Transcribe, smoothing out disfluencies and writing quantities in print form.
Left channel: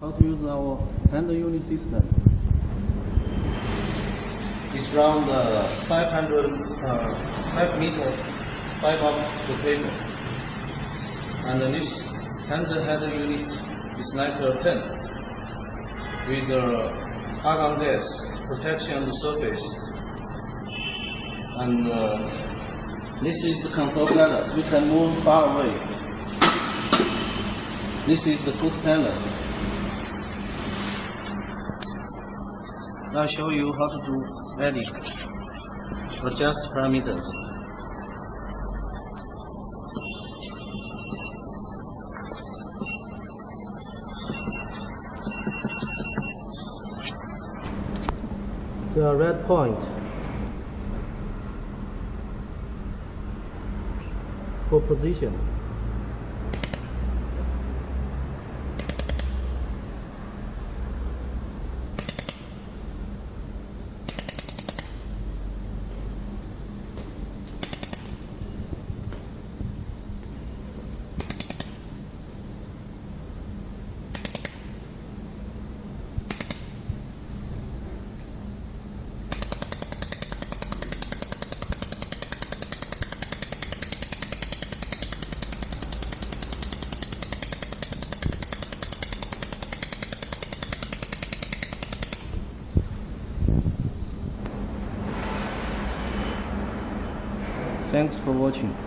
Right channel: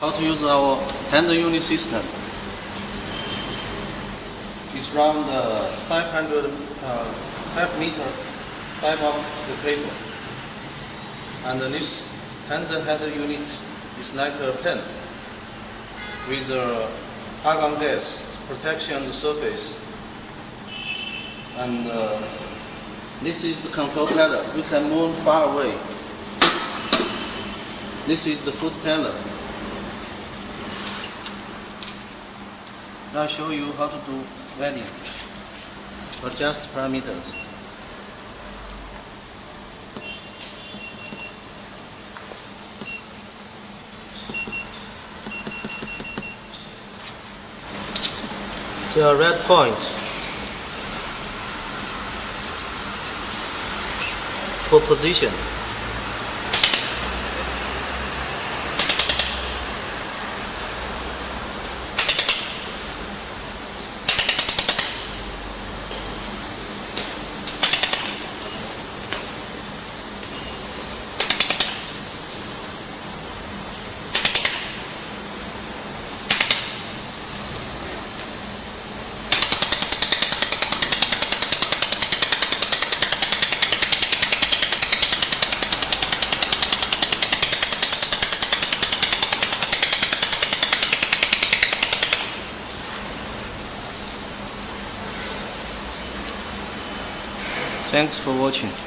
How to use our hand unit system. It's around 5 meter type of the cable. And this handheld unit is like a pen with argon gas protection on the surface. And this is the control panel. We can move far away. This is the foot panel. Now I'll show you how to do welding. Adjust parameters. The red point for position. Thanks for watching.